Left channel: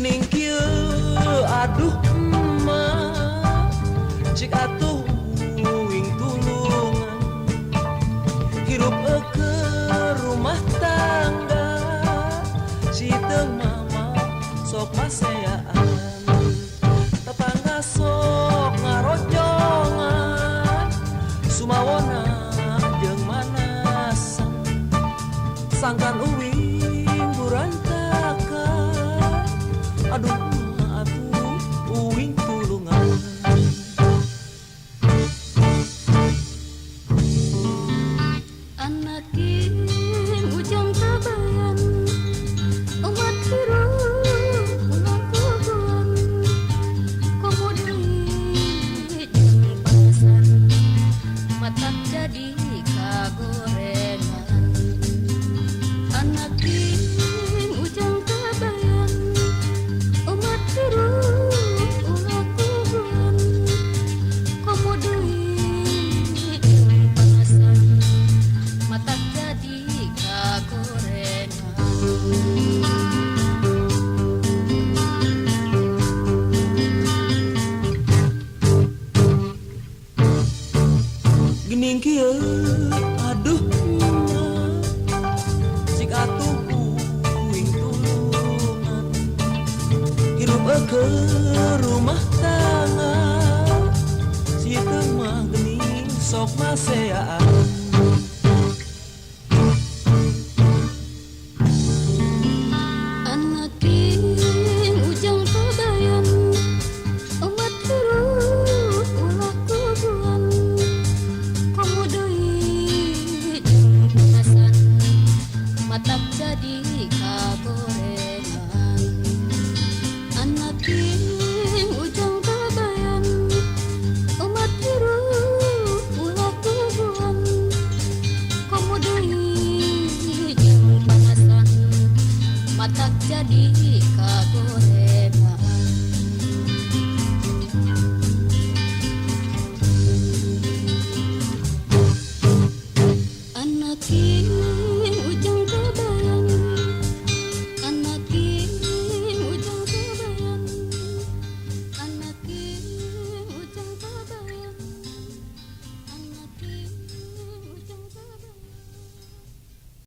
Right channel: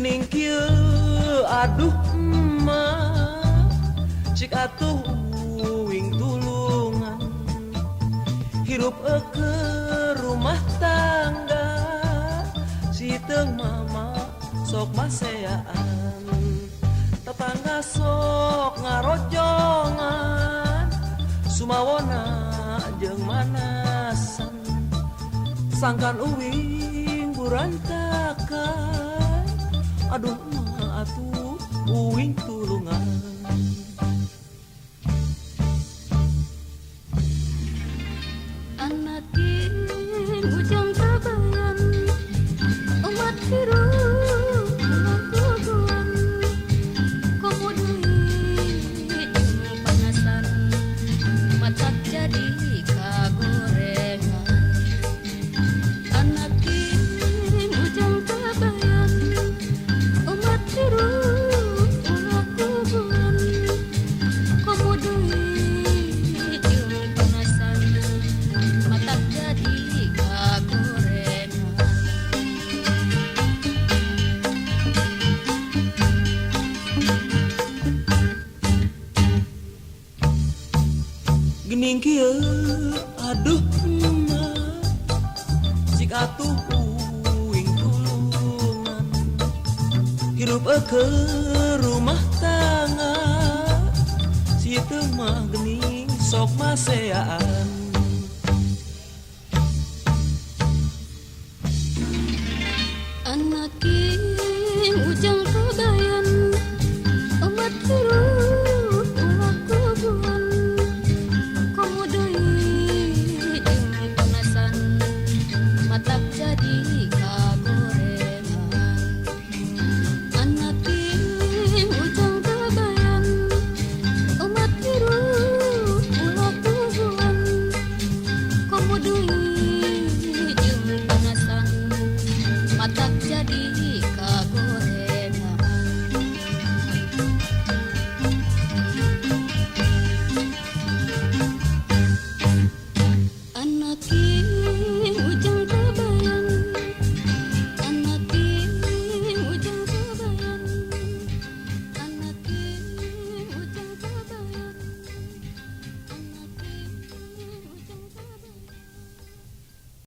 Gening kieu aduh emak cik atuh uing tulungan hirup ke rumah tangga si teu mama sok maseaan tetangga sok ngarojongan sumawona jeung manasan sangkan uing burantakan aduh ma atuh uing tulungan anak ujang kabayan umat hirup ulang kubuan komo deui jeung panasan matak jadi kagorengan anak ujang kabayan umat hirup ulah kubuan komo deui jeung panasan matak jadi kagorengan gening kieu aduh emak cik atuh uing tulungan hirup ke rumah tangga si teu mah gening sok maseaan anak ujang kabayan umat hirup ulah kubuan komo deui jeung panasan matak jadi